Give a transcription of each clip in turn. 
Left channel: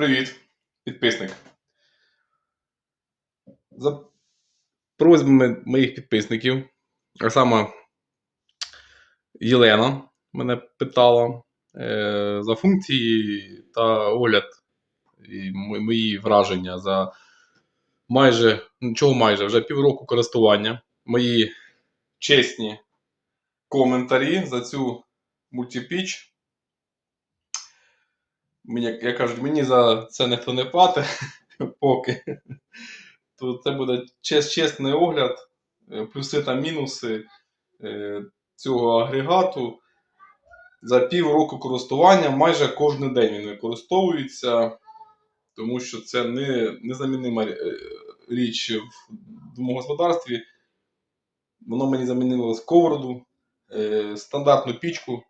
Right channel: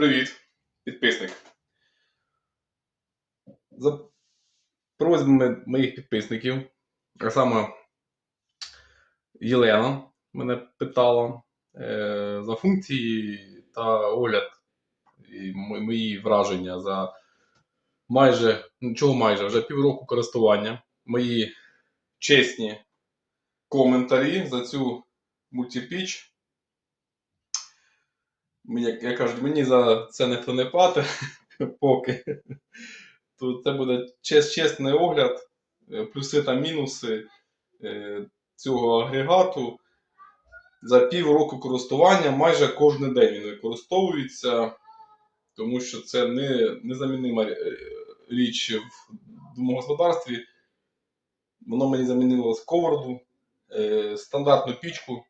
Привіт, підписник. За просьбами моїх підписників, а саме Єлена мене питала е, за функції та огляд і мої враження за майже, чого майже, вже півроку користування. Мої чесні коментарі за цю мультипіч. Мені, як я кажу, мені за це ніхто не платить поки. То це буде чес, чесний огляд, е, плюси та мінуси е, цього агрегату. За півроку користування майже кожен день він використовується, тому що це не, незамінима е, річ в домогосподарстві. Воно мені замінило сковороду, стандартну пічку.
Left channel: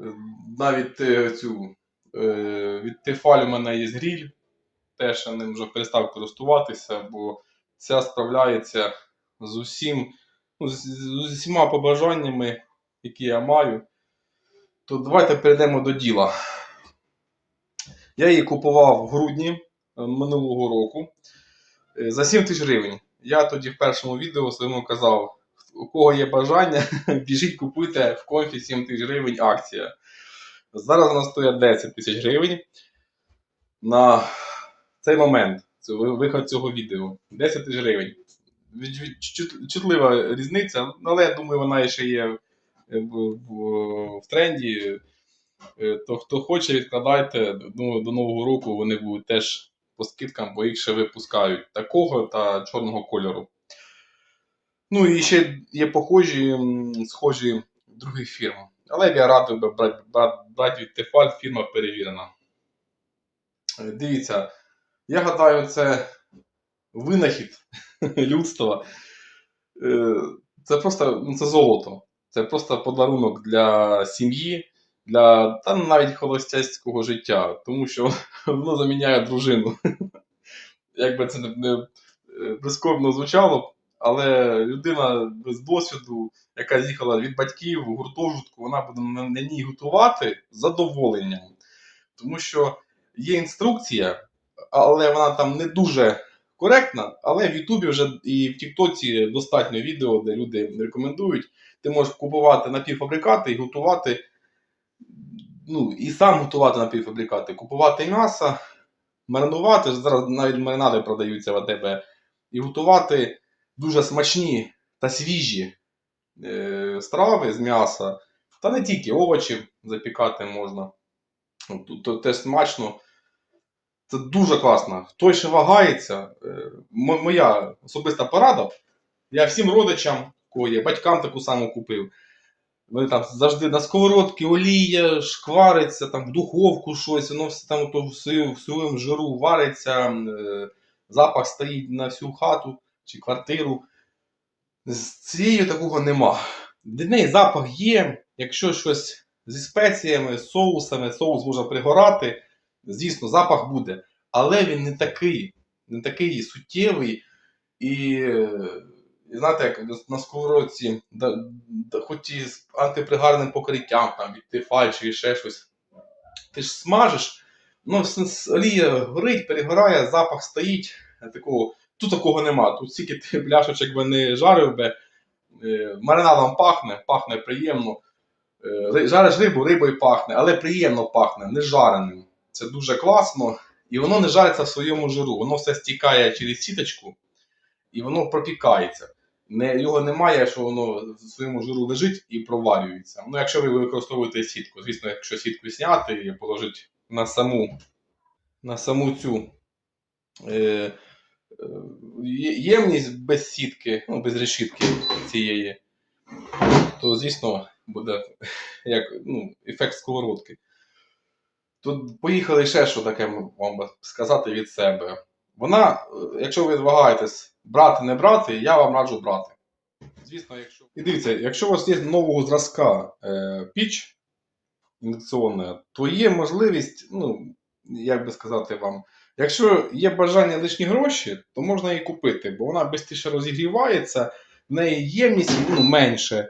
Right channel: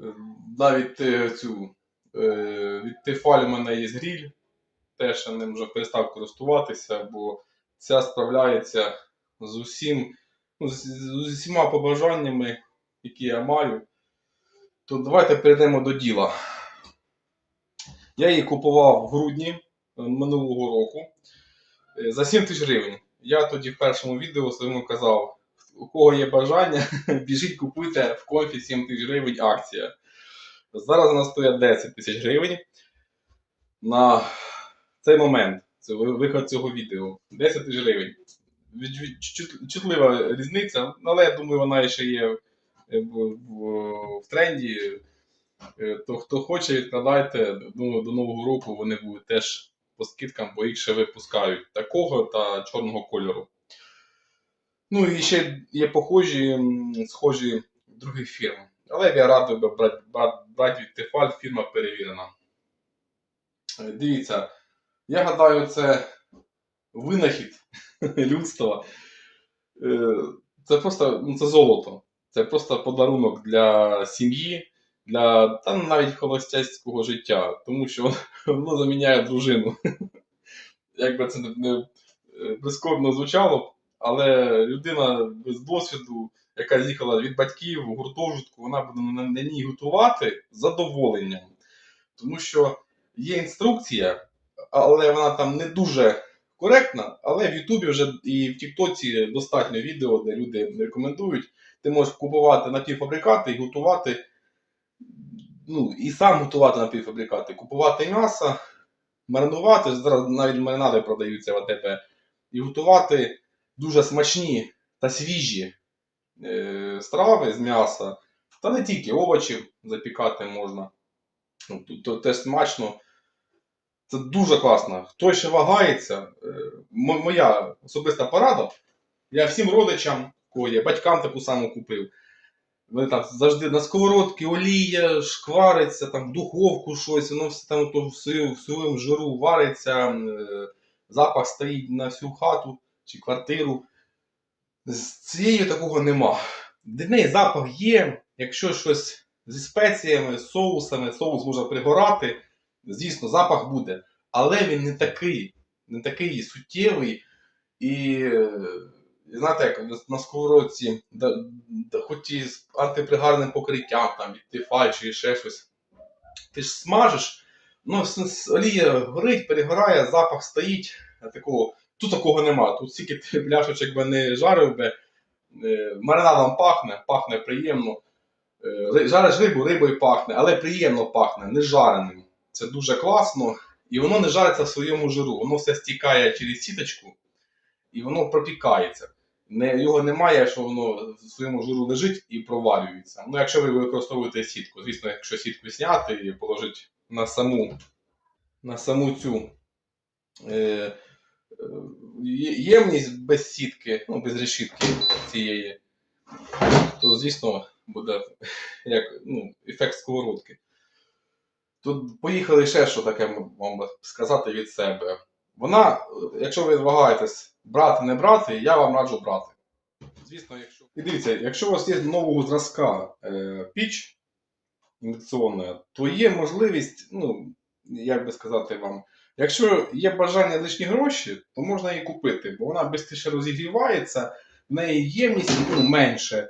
Е, Навіть е, цю е, від Тефаль у мене є гріль. Теж я ним вже перестав користуватися, бо ця справляється з усім, ну, з, з усіма побажаннями, які я маю. То давайте перейдемо до діла. Я її купував в грудні е, минулого року за 7 тисяч гривень. Я тоді в першому відео своєму казав, у кого є бажання, біжіть купуйте в конфі 7 тисяч гривень акція. Зараз вона стоїть 10 тисяч гривень. На цей момент, виход цього відео. 10 тисяч гривень. Чутлива різниця, але я думаю, вона ще є в, тренді. Е, То хто хоче, відкладайте. Думаю, до Нового року вони будуть теж по скидкам, бо їх ще випускають такого та чорного кольору. Ну і ще є похожі, схожі других фірм. Але я радий би брати, від Тефаль, фірма перевірена. Е, Дивіться, я гадаю, це винахід людства. Е, Це просто ну, це золото. Це просто подарунок для сім'ї, для та навіть холостяцького життя, тому що воно заміняє дружину. Як би це не, не е, прискорбно звучало, але людина без досвіду, яка з'їхала від батьків в гуртожитку, вона буде на, ній готувати з задоволенням. Тому що є інструкція, але вона там не дуже коректна. Але в Ютубі вже і в Тіктоці достатньо відео, де люди рекомендують. Ти можеш купувати напівфабрикати і готувати. Ну, і сам готувати напівфабрикати, купувати м'ясо, маринувати. Зараз навіть маринади продаються в АТБ. І готувати дуже смачні та свіжі е, страви з м'яса. Та не тільки овочі запікати можна. Тут- теж смачно. Це дуже класно. Хто ще вагається, е, моя особиста порада. Я всім родичам, кого є, батькам таку саму купив. Вони там завжди на сковородці олія, шквариться, там в духовку щось, воно все там то в своєму, жиру вариться, е, запах стоїть на всю хату чи квартиру. З цією такого нема. Неї запах є, якщо щось зі спеціями, соусами, соус може пригорати, звісно, запах буде. Але він не такий, не такий суттєвий. І, е, і знаєте, як на сковородці, да, да, хоч і з антипригарним покриттям, там, від тефаль чи ще щось, ти ж смажиш, ну, олія горить, перегорає, запах стоїть. е, Такого, тут такого нема. Тут стільки ти пляшечок би не жарив би, е, маринадом пахне, пахне приємно. Е, Жариш рибу, рибою пахне, але приємно пахне, не жареним. Це дуже класно. І воно не жариться в своєму жиру. Воно все стікає через сіточку і воно пропікається. Не, його немає, що воно в своєму жиру лежить і проварюється. Ну, якщо ви використовуєте сітку. Звісно, якщо сітку зняти і положити на саму, на саму цю е, ємність без сітки, ну, без решітки цієї, то, звісно, буде як ну, ефект сковородки. Тут поїхали ще що таке вам сказати від себе. Вона, е, якщо ви вагаєтесь брати, не брати, я вам раджу брати. Звісно, якщо. І дивіться, якщо у вас є нового зразка е, піч індукційна, то є можливість, ну, як би сказати вам, якщо є бажання лишні гроші, то можна її купити, бо вона швидше розігрівається, в неї ємність ну, менше.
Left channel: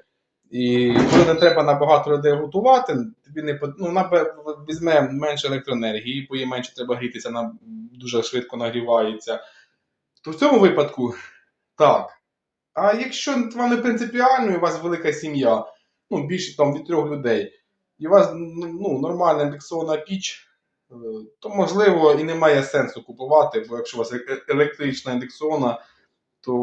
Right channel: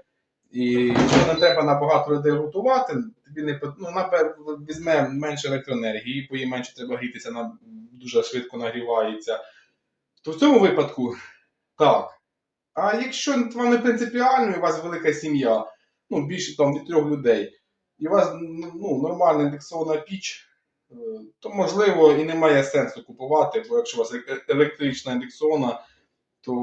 І якщо не треба на багато людей готувати, тобі не ну, вона візьме менше електроенергії, їй їй менше треба грітися, вона дуже швидко нагрівається. То в цьому випадку так. А якщо вам не принципіально, і у вас велика сім'я, ну, більше там від трьох людей, і у вас ну, нормальна індексована піч, то можливо і немає сенсу купувати, бо якщо у вас е- електрична індексована, то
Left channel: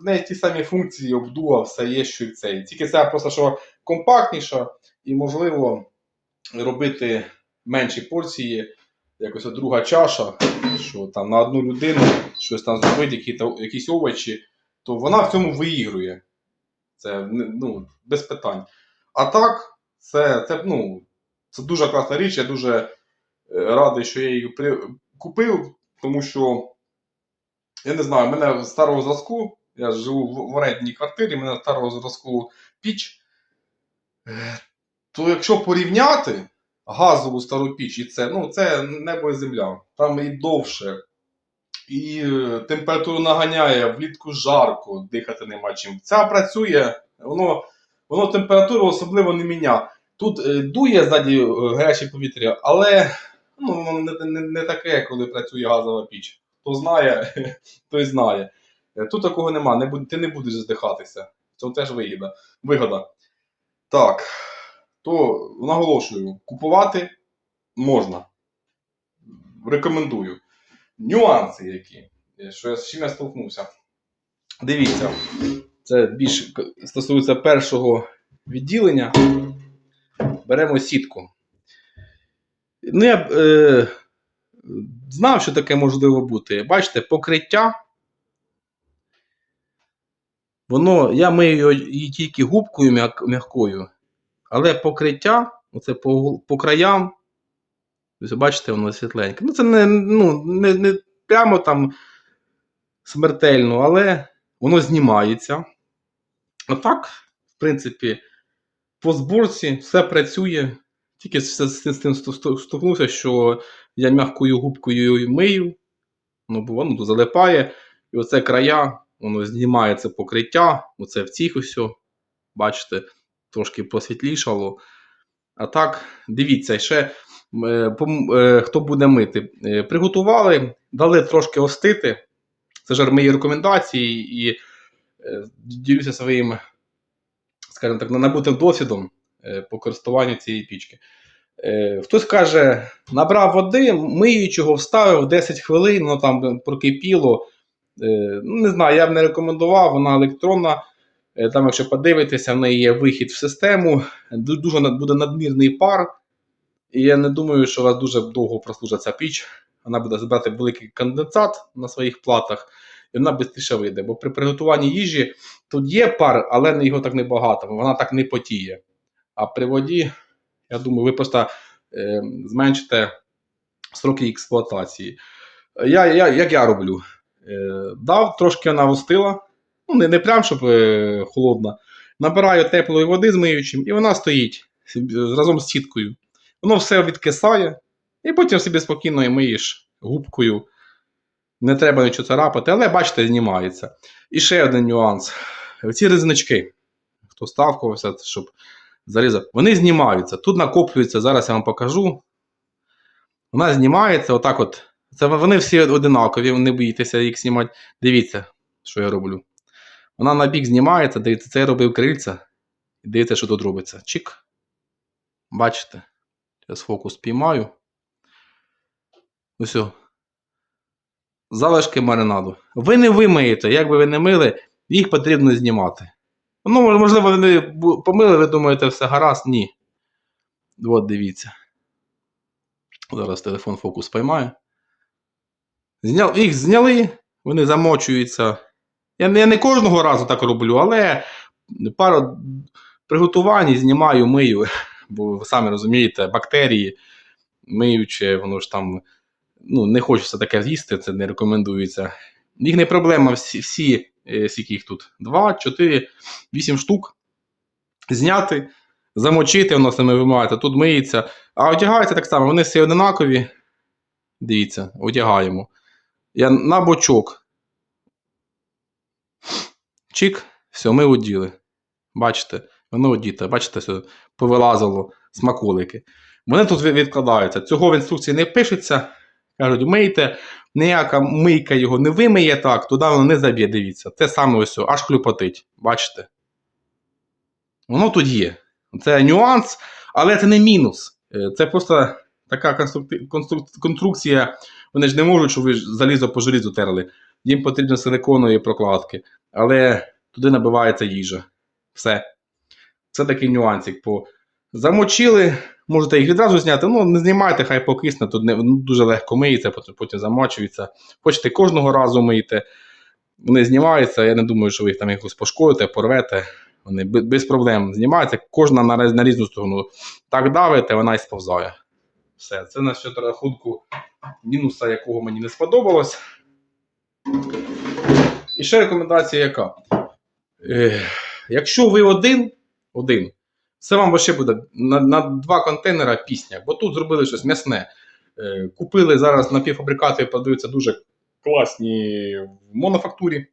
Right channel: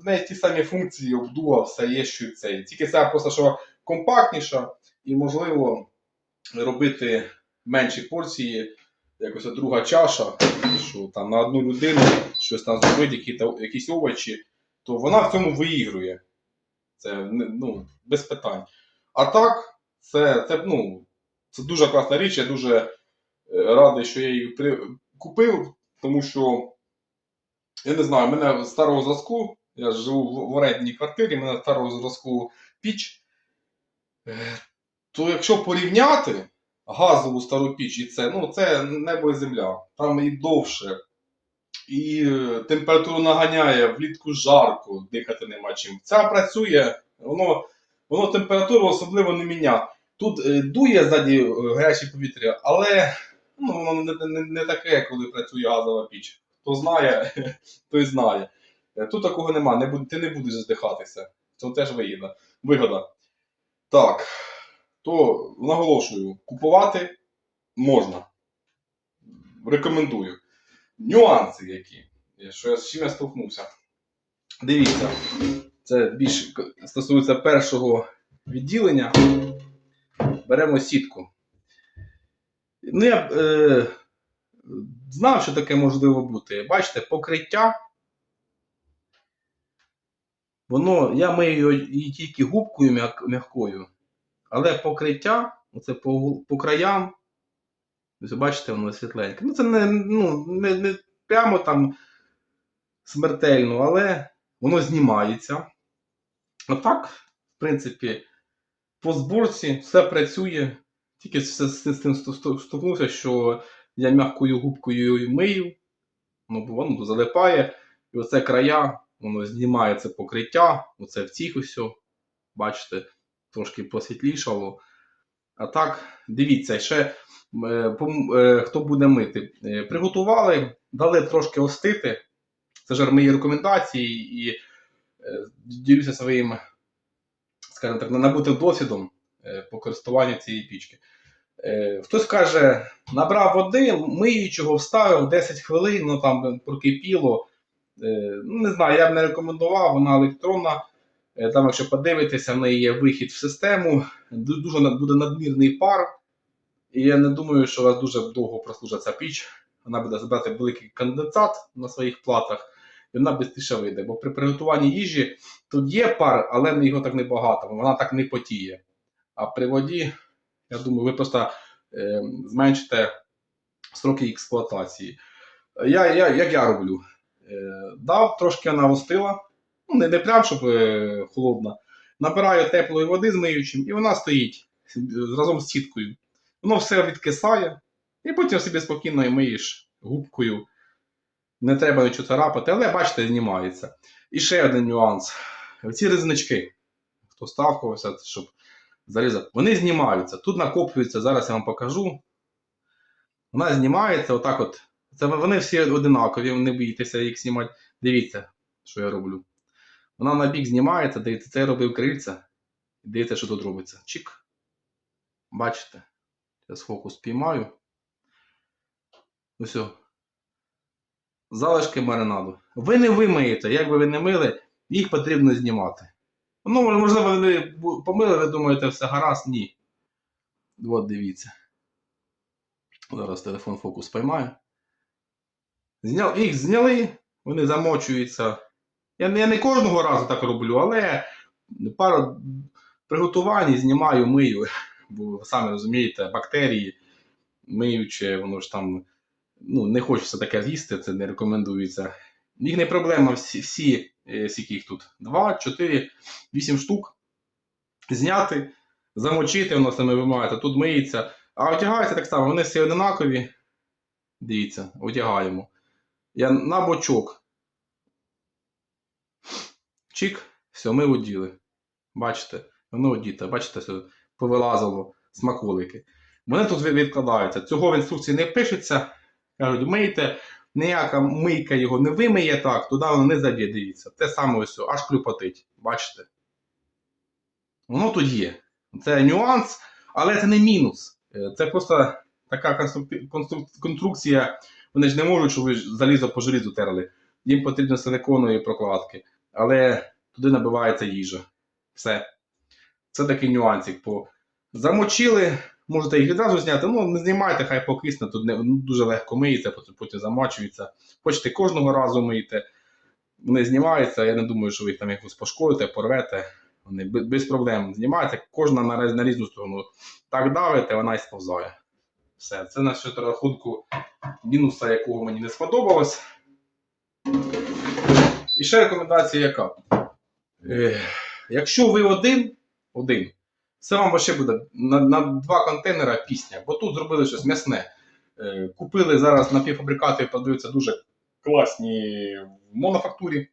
в неї ті самі функції, обдува, все є, що і цей. Тільки це просто що компактніша, і можливо робити менші порції, якось друга чаша, що там на одну людину щось там зробити, які, якісь овочі, то вона в цьому виігрує. Це ну, без питань. А так, це, це, ну, це дуже класна річ. Я дуже е, радий, що я її при... купив, тому що я не знаю, в мене старого зразку, я живу в, орендній квартирі, мене старого зразку піч. Е, То якщо порівняти газову стару піч і це, ну це небо і земля. Там і довше, і е, температуру наганяє, влітку жарко, дихати нема чим. Ця працює, воно, воно температуру особливо не міняє. Тут е, дує ззаді е, гаряче повітря, але ну, воно не, не, не таке, коли працює газова піч. Хто знає, той знає. Е, Тут такого нема, не, ти не будеш здихатися. Це теж вигода. вигода. Так, то наголошую, купувати можна. Рекомендую. Нюанси які, е, що я, з чим я столкнувся. Дивіться, це більш к- стосується першого відділення. Беремо сітку. Ну, я е, знав, що таке можливо бути. Бачите, покриття. Воно, я мию її тільки губкою м'якою, але покриття, оце по, по краям, бачите, воно світленьке. Ну, це не, ну, не, не прямо там смертельно, але воно знімається. Отак, в принципі, по зборці все працює. Тільки з, тим сто- що я м'якою губкою мию, ну, воно залипає, і оце края, воно знімає це покриття, оце в цих ось, бачите, трошки посвітлішало. А так, дивіться, ще е, е, хто буде мити. Е, Приготували, дали трошки остити. Це ж мої рекомендації і ділюся своїм, скажімо так, набутим досвідом по користуванню цієї пічки. Е, Хтось каже, набрав води, миючого, вставив 10 хвилин, воно там прокипіло. Е, Ну, не знаю, я б не рекомендував, вона електронна. Е, Там, якщо подивитися, в неї є вихід в систему, дуже буде надмірний пар. І я не думаю, що у вас дуже довго прослужить ця піч. Вона буде збирати великий конденсат на своїх платах, і вона швидше вийде. Бо при приготуванні їжі тут є пар, але його так небагато, вона так не потіє. А при воді, я думаю, ви просто е, зменшите строки експлуатації. Я, я, як я роблю? Е, дав, трошки вона остила, ну не, не прям, щоб е, холодна. Набираю теплої води з миючим, і вона стоїть разом з сіткою. Воно все відкисає, і потім собі спокійно миєш губкою. Не треба нічого царапати, але бачите, знімається. І ще один нюанс. Ці різнички, хто ставкувався, щоб зарізати, вони знімаються. Тут накоплюється, зараз я вам покажу. Вона знімається, отак от. Це вони всі одинакові, не боїтеся їх знімати. Дивіться, що я роблю. Вона на бік знімається, дивіться, це я робив крильця. Дивіться, що тут робиться. Чик. Бачите? Зараз фокус піймаю. Ось. Залишки маринаду. Ви не вимиєте, як би ви не мили, їх потрібно знімати. Ну, можливо, бу- помили, ви думаєте, все гаразд? Ні. От дивіться. Зараз телефон фокус поймаю. Зняв, їх зняли, вони замочуються. Я, не- я не кожного разу так роблю, але пару приготувань знімаю, мию. Бо ви самі розумієте, бактерії миючи, воно ж там ну, не хочеться таке з'їсти, це не рекомендується. Їх не проблема, всі, всі скільки їх тут? 2, 4, 8 штук. Зняти, замочити, воно саме вимагаєте, тут миється. А одягається так само, вони всі одинакові. Дивіться, одягаємо. Я на бочок. Чик, все, ми оділи. Бачите, Воно, діти, бачите, сюди повилазило смаколики. Вони тут відкладаються. Цього в інструкції не пишеться. Кажуть, мийте, ніяка мийка його не вимиє так, туди воно не заб'є, дивіться. Те саме ось, аж клюпотить. Бачите? Воно тут є. Це нюанс, але це не мінус. Е, Це просто така конструкція. Вони ж не можуть, щоб ви залізо по желізу терли. Їм потрібно силиконові прокладки. Але туди набивається їжа. Все. Це такий нюансик. Замочили, можете їх відразу зняти. Ну, не знімайте, хай покисне, тут не, ну, дуже легко миється, потім, потім замочується. Хочете кожного разу миєте. Вони знімаються, я не думаю, що ви їх там якось пошкодите, порвете. Вони без проблем знімаються, кожна на, на різну сторону. Так давите, вона і сповзає. Все, це на щодо рахунку мінуса, якого мені не сподобалось. І ще рекомендація яка? Е, якщо ви один, один, це вам ще буде на, на два контейнера пісня, бо тут зробили щось м'ясне. Е, купили зараз напівфабрикати, подаються дуже класні в монофактурі,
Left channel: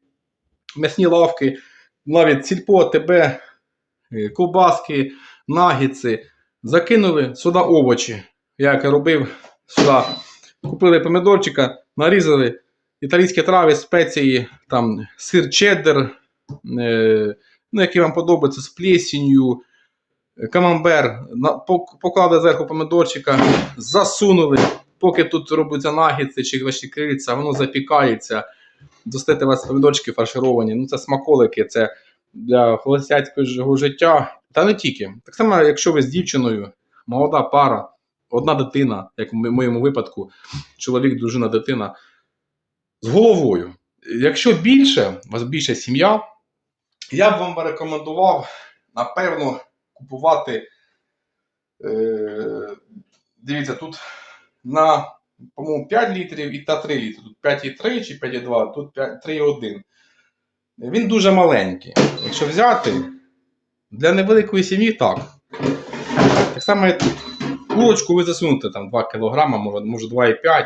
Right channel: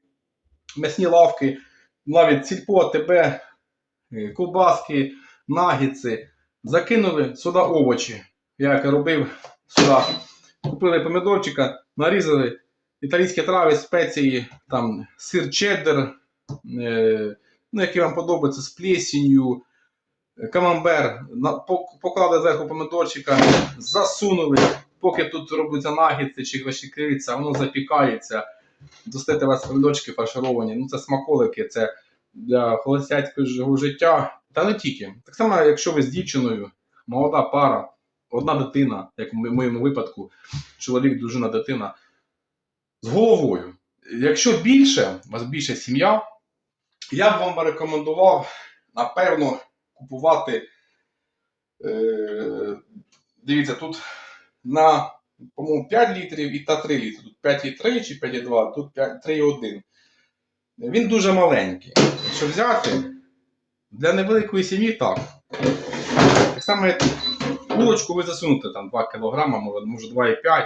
м'ясні лавки, навіть сільпо, ТБ, е, ковбаски, нагіци. Закинули сюди овочі. Я як робив сюди. Купили помідорчика, нарізали італійські трави, спеції, там сир чеддер, е, ну, які вам подобаються з плесінню, камамбер, поклали зверху помідорчика, засунули, поки тут робляться нагідці чи ваші крильця, воно запікається. Достати вас помідорчики фаршировані. Ну, це смаколики, це для холостяцького життя. Та не тільки. Так само, якщо ви з дівчиною, молода пара, одна дитина, як в моєму випадку, чоловік, дружина, дитина, з головою. Якщо більше, у вас більше сім'я, я б вам рекомендував, напевно, купувати. Е, дивіться, тут на, по-моєму, 5 літрів і та 3 літри. Тут 5,3 чи 5,2, тут 3,1. Він дуже маленький. Якщо взяти, для невеликої сім'ї так. Так само, як курочку ви засунете там 2 кг, може, може 2,5.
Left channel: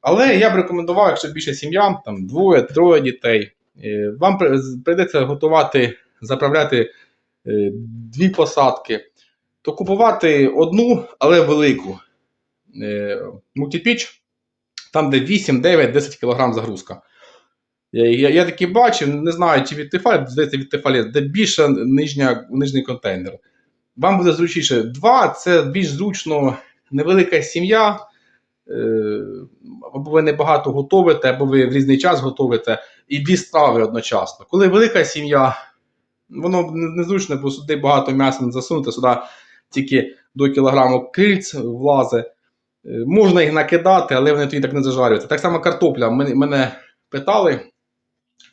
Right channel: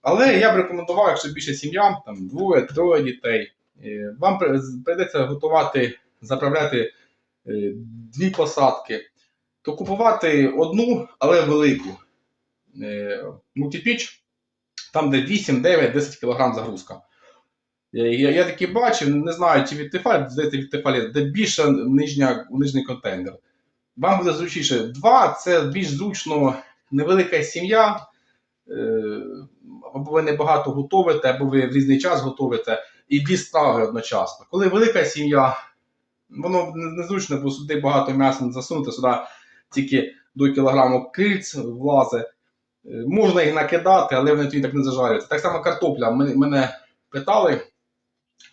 Але я б рекомендував, якщо більше сім'я, там двоє, троє дітей, е, вам при- прийдеться готувати, заправляти е, дві посадки, то купувати одну, але велику е, мультипіч, там де 8, 9, 10 кг загрузка. Я, я, я таки бачив, не знаю, чи від Тефалі, здається, від Тефалі, де більше нижня, нижній контейнер. Вам буде зручніше. Два це більш зручно невелика сім'я. е, Або ви небагато готовите, або ви в різний час готовите, і дві страви одночасно. Коли велика сім'я, воно незручно, бо сюди багато м'яса не засунути, сюди тільки до кілограму крильць влазить. Е, Можна їх накидати, але вони тоді так не зажарюються. Так само картопля. Мене питали,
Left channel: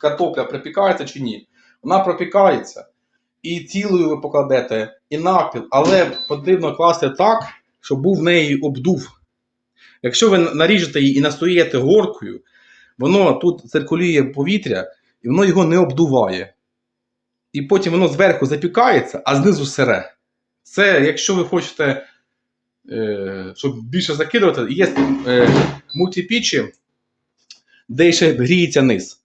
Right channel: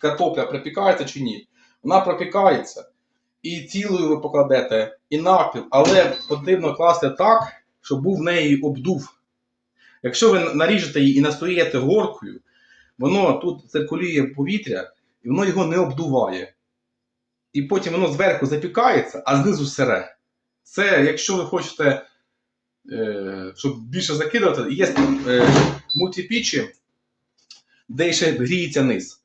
картопля припікається чи ні. Вона пропікається. І цілою ви покладете, і напіл, але потрібно класти так, щоб був в неї обдув. Якщо ви наріжете її і настоїте горкою, воно тут циркулює повітря, і воно його не обдуває. І потім воно зверху запікається, а знизу сире. Це, якщо ви хочете, е, щоб більше закидувати, є е, мультипічі, де ще гріється низ.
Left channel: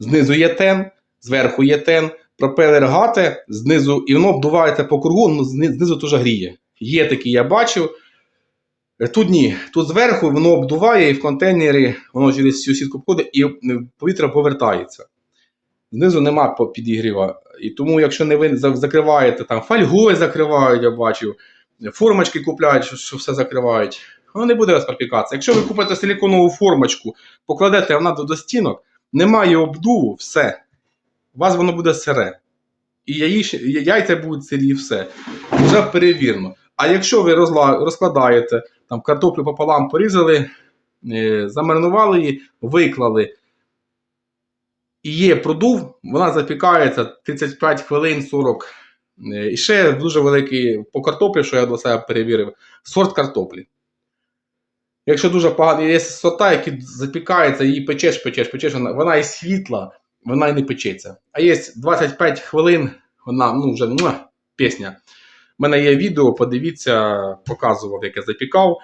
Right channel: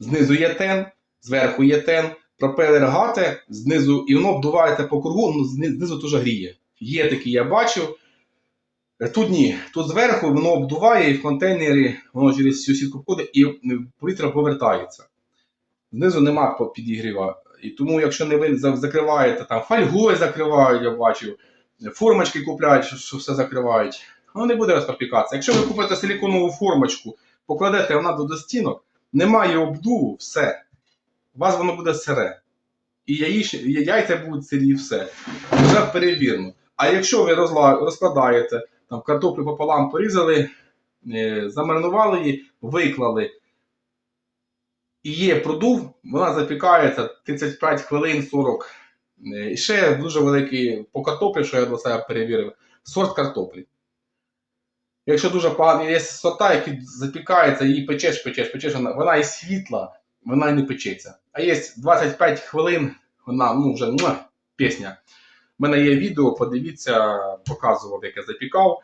Знизу є тен, зверху є тен, пропелер гате, знизу, і воно обдувається по кругу, ну, знизу теж гріє. Є такі, я бачив. Е, Тут ні. Тут зверху воно обдуває, і в контейнері воно через всю сітку входить, і повітря повертається. Знизу нема підігріва. І тому, якщо не ви закриваєте там фольгою закривають, я бачив, формочки купляють, що, все закривають, воно не буде у вас пропікатися. Якщо ви купите силіконову формочку, покладете вона до, стінок, немає обдуву, все. У вас воно буде сире. І яйця будуть сирі, і все. Вже перевірено. А якщо ви розкладаєте, там картоплю пополам порізали, е, замаринували її, виклали. І є продув, вона запікається 35 хвилин 40. Е, І ще дуже великий по картоплі, що я до себе перевірив, сорт картоплі. Якщо дуже погані, є сорта, які запікаються, її печеш, печеш, печеш, вона, вона і світла, вона і не печеться. А є 25 хвилин, вона ну, вже муа, пісня. У мене є відео, подивіться, показував, як я запікав.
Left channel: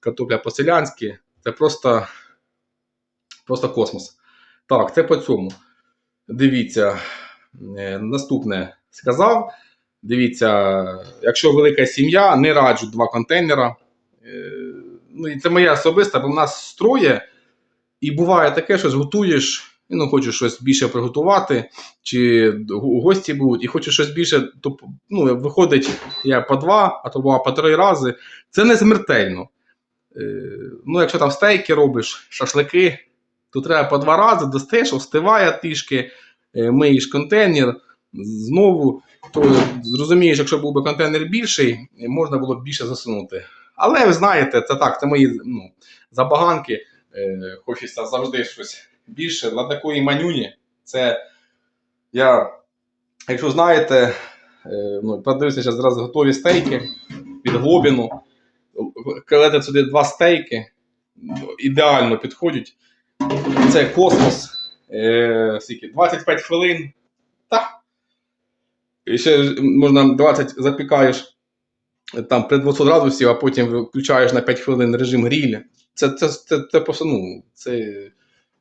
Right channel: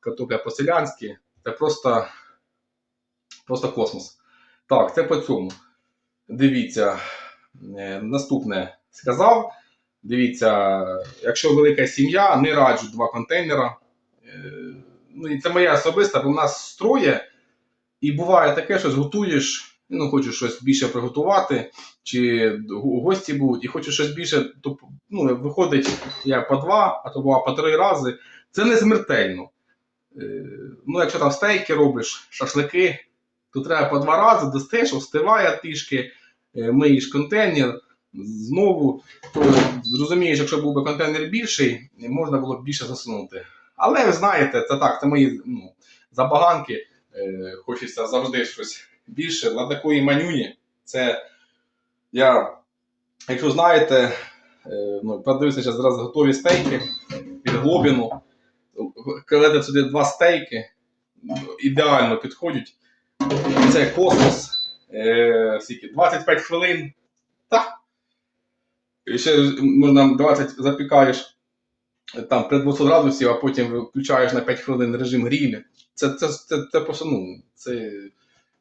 Картопля по-селянськи. Це просто, просто космос. Так, це по цьому. Дивіться. е, наступне сказав. Дивіться, якщо велика сім'я, не раджу два контейнера. Е, Ну, і це моя особиста, бо в нас строє, і буває таке, що готуєш, ну, хочеш щось більше приготувати, чи гості будуть, і хочеш щось більше, то ну, виходить я по два, а то по три рази. Це не смертельно. Е, Ну, якщо там стейки робиш, шашлики, то треба по два рази достаєш, остиває трішки, е, миєш контейнер, знову, то зрозумієш, якщо був би контейнер більший, можна було б більше засунути. Але ви знаєте, це так, це мої ну, забаганки. Е, хочеться завжди щось більше. Для такої манюні, це я, якщо знаєте, е, ну, подивився зараз зразу готові стейки під глобіну. Кладете сюди два стейки, ідеально підходять. Це космос. Е, скільки? 25 хвилин. Та. І ще можна 20 запікаєш там при 200 градусів, а потім виключаєш на 5 хвилин режим гріля. Це, це, це, це просто, ну, це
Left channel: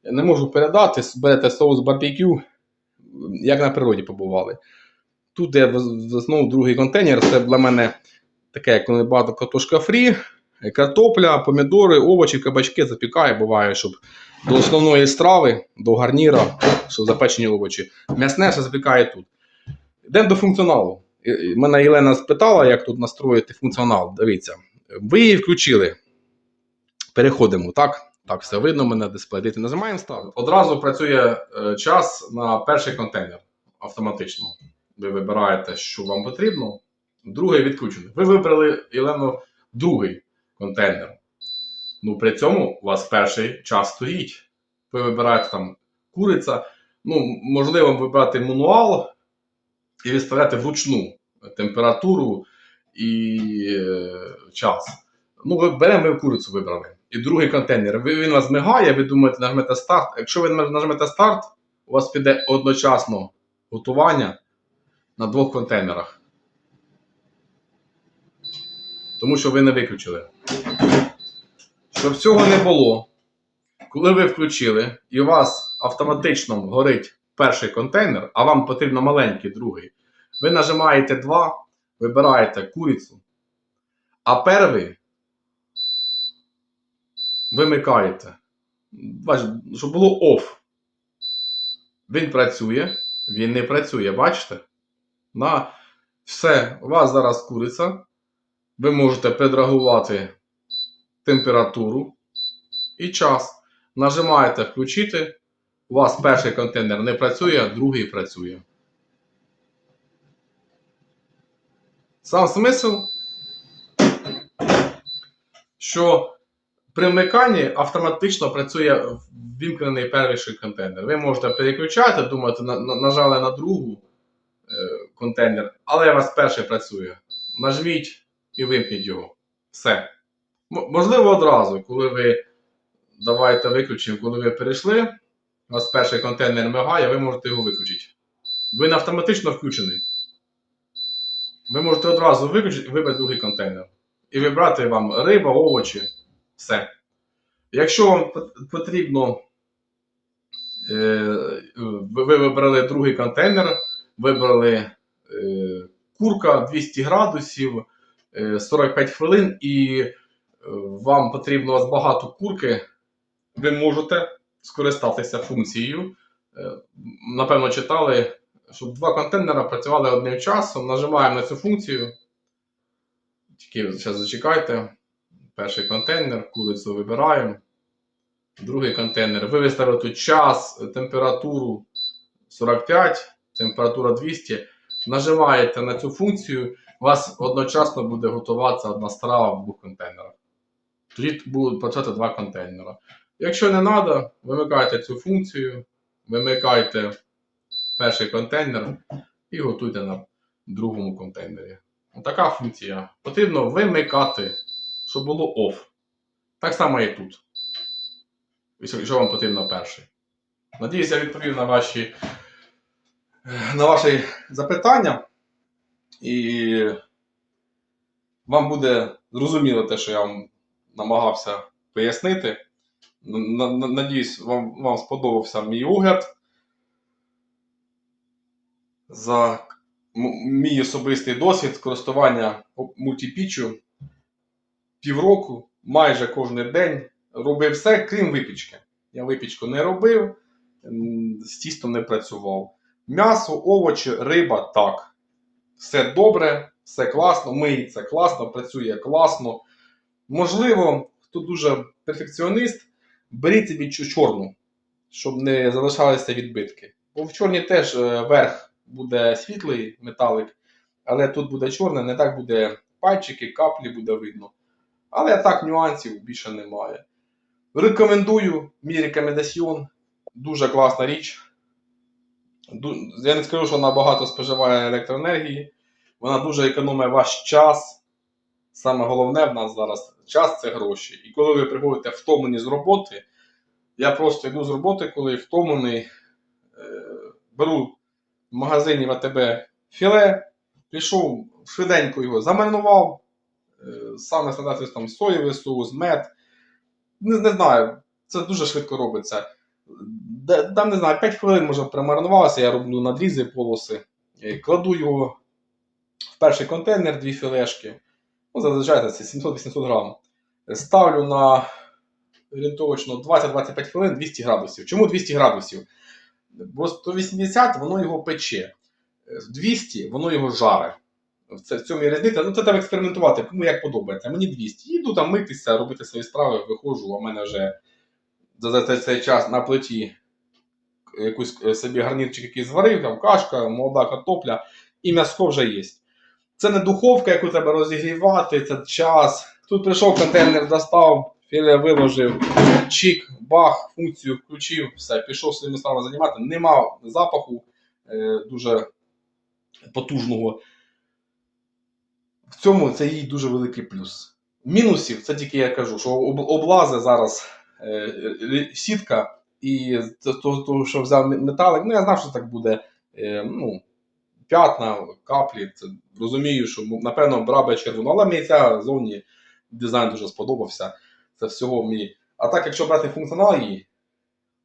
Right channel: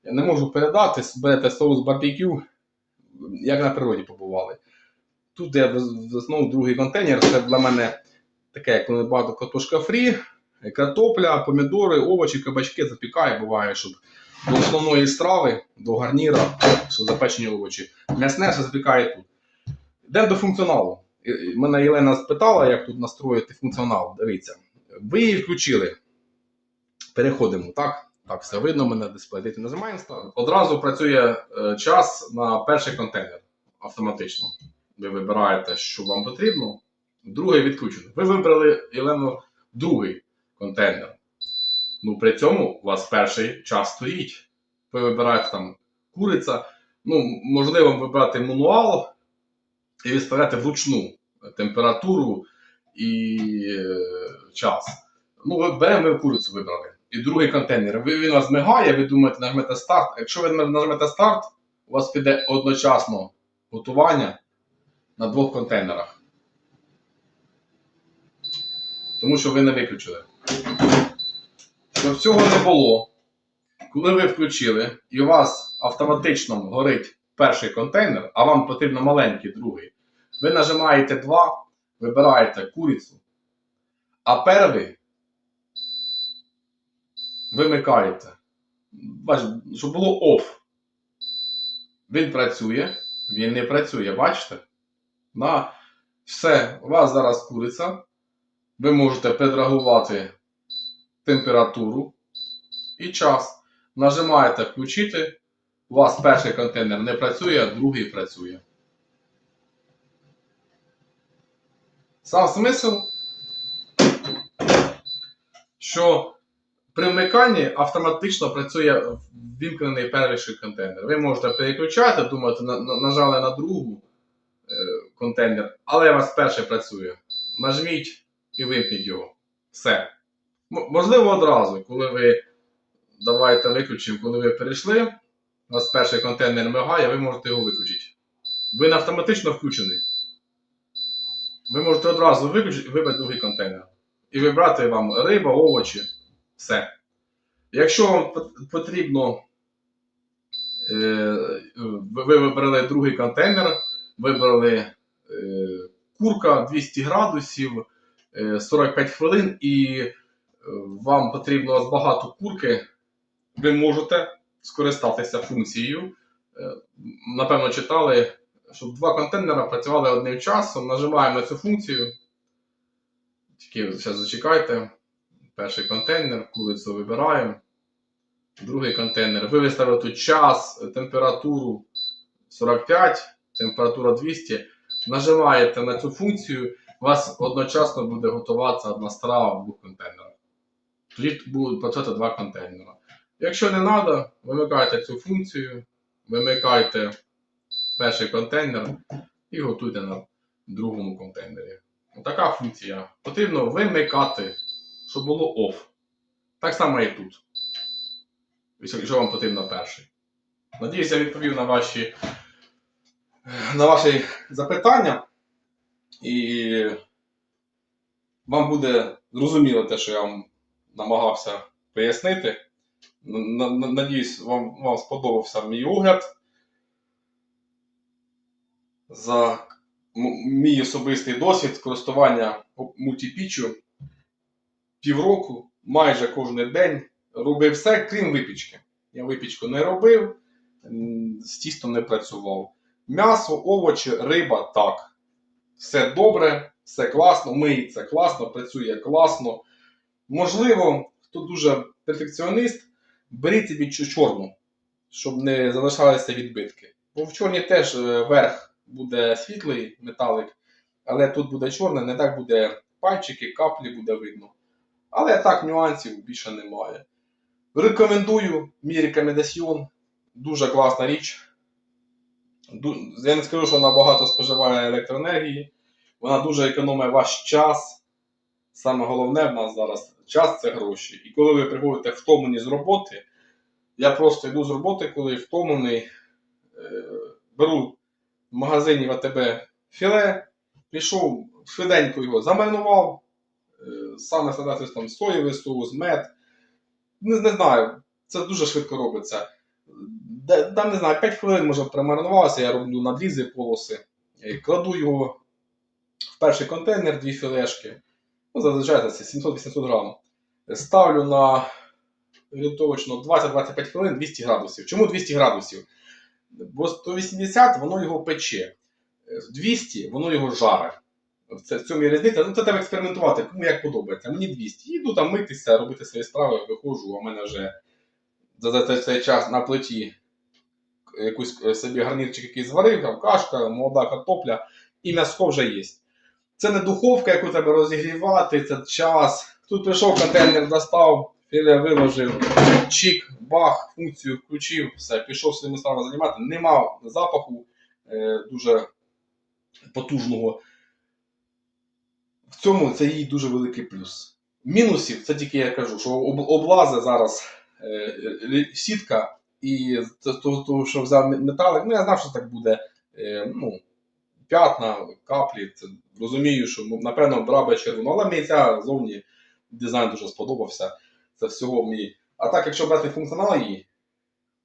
я не можу передати. Берете соус барбекю, як на природі побували. Тут я основному другий контейнер. Це для мене таке, як коли багато картошка фрі, картопля, помідори, овочі, кабачки запікаю, буває, щоб до основної страви, до гарніра, що запечені овочі. М'ясне все запікає тут. Йдемо до функціоналу. Мене Єлена спитала, як тут настроїти функціонал. Дивіться, ви її включили. Переходимо, так? Так, все видно, мене дисплей. Дивіться, нажимаємо старт. Одразу працює е, час на перший контейнер автоматично. Ви вибираєте, що вам потрібно. Другий відключений. Ви вибрали Єлено другий контейнер. Ну, при цьому у вас перший час стоїть. Ви вибираєте там куриця. Ну, можливо, вибрати мануал і виставляти вручну температуру і е, час. Ну, беремо ми курицю вибрали. І другий контейнер. Ви, він вас мигає, ви думаєте, нажмете старт. Якщо ви нажмете старт, у вас піде одночасно готування на двох контейнерах. Тому що ви не виключили. Щоб цього не було, коли ви включили, і у вас автоматично горить перший контейнер, а вам потрібно маленький другий, ви нажимаєте 2, вибираєте курицю, а перший вимикаєте. Щоб було OFF. Він працює, він не працює, бачите? На все, у вас зараз куриця. Ви можете підрегувати температуру і час. Нажимаєте включити. У вас перший контейнер не працює, а другий працює. Сам смисл, що при вмиканні автоматично працює вімкнений перший контейнер. Ви можете переключати, думати, на- на- нажали на другу е, контейнер, але у вас перший працює. Нажміть і вимкніть його. Все. Можливо, одразу, коли ви давайте виключимо, коли ви перейшли, у вас перший контейнер мигає, ви можете його виключити. Він автоматично включений. Ви можете одразу виключити і вибрати другий контейнер. І вибрати вам риба, овочі, все. Якщо вам потрібно, е, ви ви вибрали другий контейнер, вибрали е, курка 200 градусів, е, 45 хвилин, і е, вам потрібно у вас багато курки, ви можете скористатися функцією. Е, Напевно, читали, щоб два контейнера працювали одним часом. Нажимаємо на цю функцію. Тільки зараз зачекайте. Перший контейнер, курицю вибираємо. Другий контейнер. Ви виставили тут час, температуру 45, температура 200. Нажимаєте на цю функцію, у вас одночасно буде готуватися одна страва в двох контейнерах. Тоді будуть працювати два контейнера. Якщо не треба, вимикайте цю функцію, вимикайте перший контейнер і готуйте на другому контейнері. Така функція. Потрібно вимикати, щоб було OFF. Так само і тут. Якщо вам потрібно перший. Надіюсь, я відповів на ваші, на ваші запитання. І вам буде зрозуміло те, що я вам намагався пояснити. Надіюсь, вам, вам сподобався мій огляд. за мій особистий досвід користування мультипіччю півроку, майже кожен день робив все, крім випічки. Я випічку не робив, з тістом не працював. М'ясо, овочі, риба так. Все добре, все класно, миється класно, працює класно. Можливо, хто дуже перфекціоніст, беріть собі чорну, щоб не залишалися відбитки. Бо в чорній теж е, верх буде світлий металик, але тут буде чорне, не так буде пальчики, каплі буде видно. Але так нюансів більше немає. Рекомендую, мій рекомендаціон. Дуже класна річ. Я не скажу, що вона багато споживає електроенергії. Вона дуже економить ваш час. Саме головне в нас зараз час це гроші. І коли ви приходите втомлені з роботи, я просто йду з роботи, коли втомлений, е, беру в магазині в АТБ філе, пішов, швиденько його замаринував, е, саме стандартний там соєвий соус, мед. Не, не знаю, це дуже швидко робиться. Там, не знаю, 5 хвилин може примаринувалося, я роблю надрізи, полоси. Е, Кладу його в перший контейнер, дві філешки. Ну, зазвичай це 700-800 грам. Ставлю на орієнтовочно 20-25 хвилин 200 градусів. Чому 200 градусів? Бо 180 воно його пече. Е, 200 воно його жаре. Це- в цьому є різниця. Ну, це треба експериментувати, кому як подобається. Мені 200. Іду там митися, робити свої справи, виходжу, а в мене вже за, цей- час на плиті якусь е, собі гарнірчик якийсь зварив, там кашка, молода картопля, і м'яско вже є. Це не духовка, яку треба розігрівати, це час. Тут прийшов контейнер, достав, філе виложив, чик, бах, функцію включив, все, пішов своїми справами займати. Нема запаху е, дуже потужного. В цьому це їй дуже великий плюс. Мінусів, це тільки я кажу, що об- облази зараз е, е, сітка, і того, що взяв металик, ну я знав, що так буде. Е, ну, п'ятна, каплі. Це розумію, що напевно брав би червону, але мені ця зовні дизайн дуже сподобався. Це всього мій. А так, якщо брати функціонал її,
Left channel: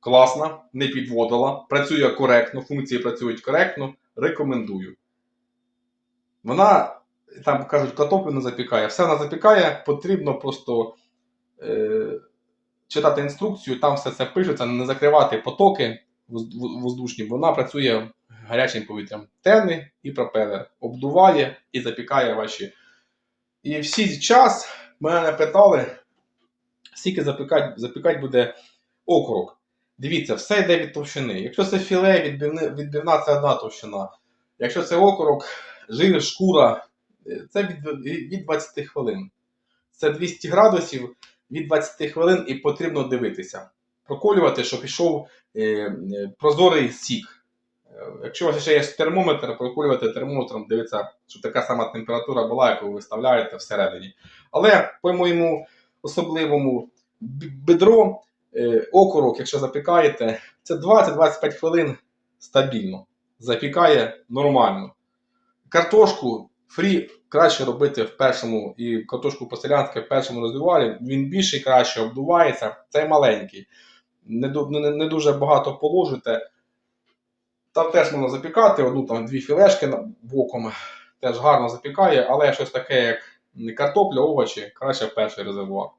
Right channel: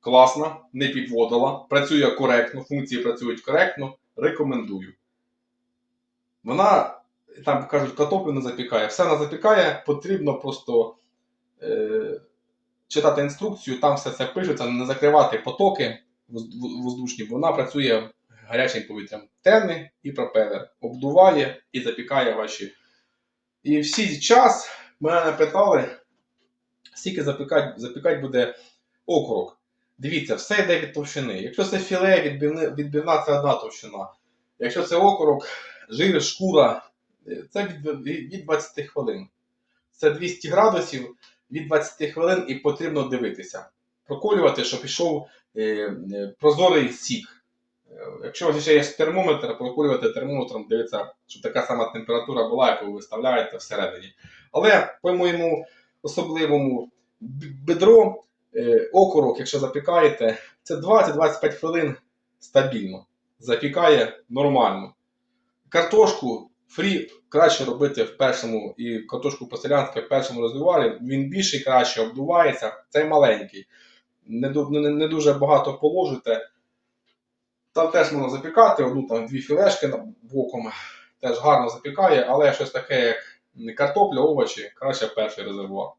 класна, не підводила, працює коректно, функції працюють коректно, рекомендую. Вона, там кажуть, картоплю не запікає. Все вона запікає, потрібно просто е, читати інструкцію, там все це пишеться, не закривати потоки воз- воз- воздушні, бо вона працює гарячим повітрям. Темний і пропелер. Обдуває і запікає ваші. І всі час мене питали, скільки запікати, запікати буде окорок. Дивіться, все йде від товщини. Якщо це філе, відбивни, відбивна це одна товщина. Якщо це окорок, жир, шкура, е, це від, від 20 хвилин. Це 200 градусів від 20 хвилин і потрібно дивитися. Проколювати, щоб пішов е, е, прозорий сік. Е, Якщо у вас ще є термометр, проколювати термометром, дивитися, щоб така сама температура була, яку ви виставляєте всередині. Але по моєму особливому бедро, е, окорок, якщо запікаєте, це 20-25 хвилин стабільно. Запікає нормально. Картошку фрі краще робити в першому, і картошку по-селянськи в першому розвивалі. Він більший, краще обдувається, цей маленький. Не, не, не дуже багато положите. Там теж можна запікати, одну там дві філешки боком теж гарно запікає, але щось таке, як картопля, овочі, краще перший резервуар.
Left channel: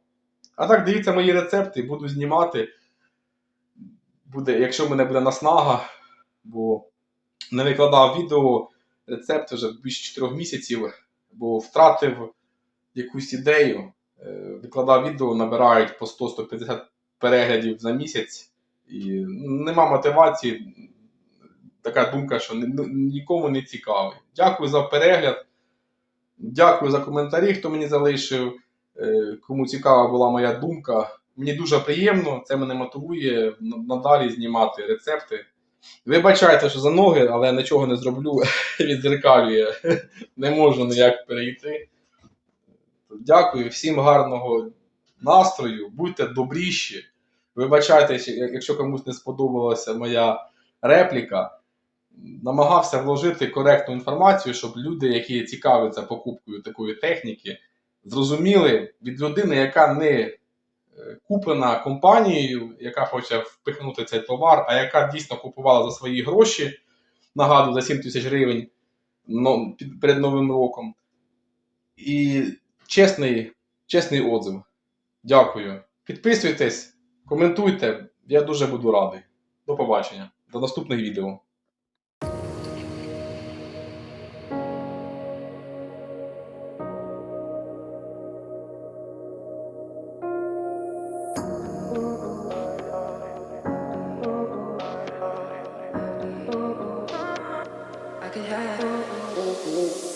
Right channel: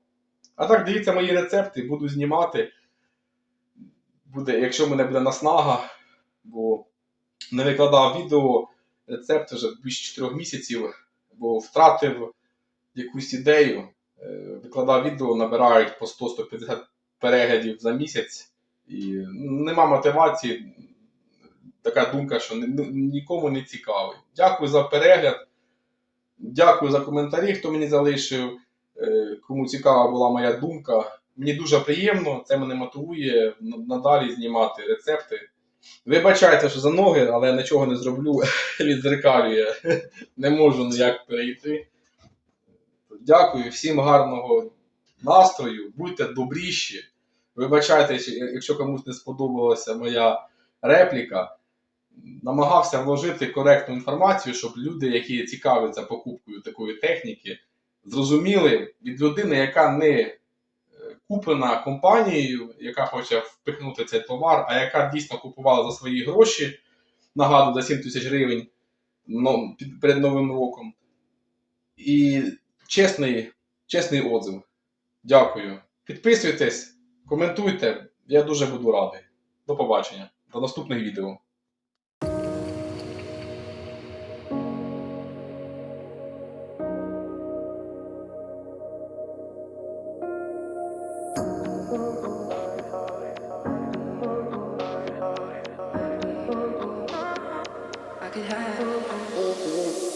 А так, дивіться мої рецепти, буду знімати. Буде, якщо в мене буде наснага, бо не викладав відео, рецепт вже більше 4 місяців, бо втратив якусь ідею. Е, Викладав відео, набирають по 100-150 переглядів за місяць. І нема мотивації. Така думка, що ні- нікому не цікавий. Дякую за перегляд. Дякую за коментарі, хто мені залишив. Е, Кому цікава була моя думка. Мені дуже приємно, це мене мотивує надалі знімати рецепти. Вибачайте, що за ноги, але я нічого не зроблю. Відзеркалює. Не можу ніяк перейти. Дякую, всім гарного настрою, будьте добріші. Вибачайте, якщо комусь не сподобалася моя репліка. Намагався вложити коректну інформацію, щоб люди, які цікавляться покупкою такої техніки, зрозуміли від людини, яка не е, куплена компанією, яка хоче впихнути цей товар, а яка дійсно купувала за свої гроші, нагадую, за 7 тисяч гривень перед Новим роком. І чесний, чесний отзив. Дякую. Підписуйтесь, коментуйте. Я дуже буду радий. До побачення. До наступних відео. 어, 어. 어, 오, 오.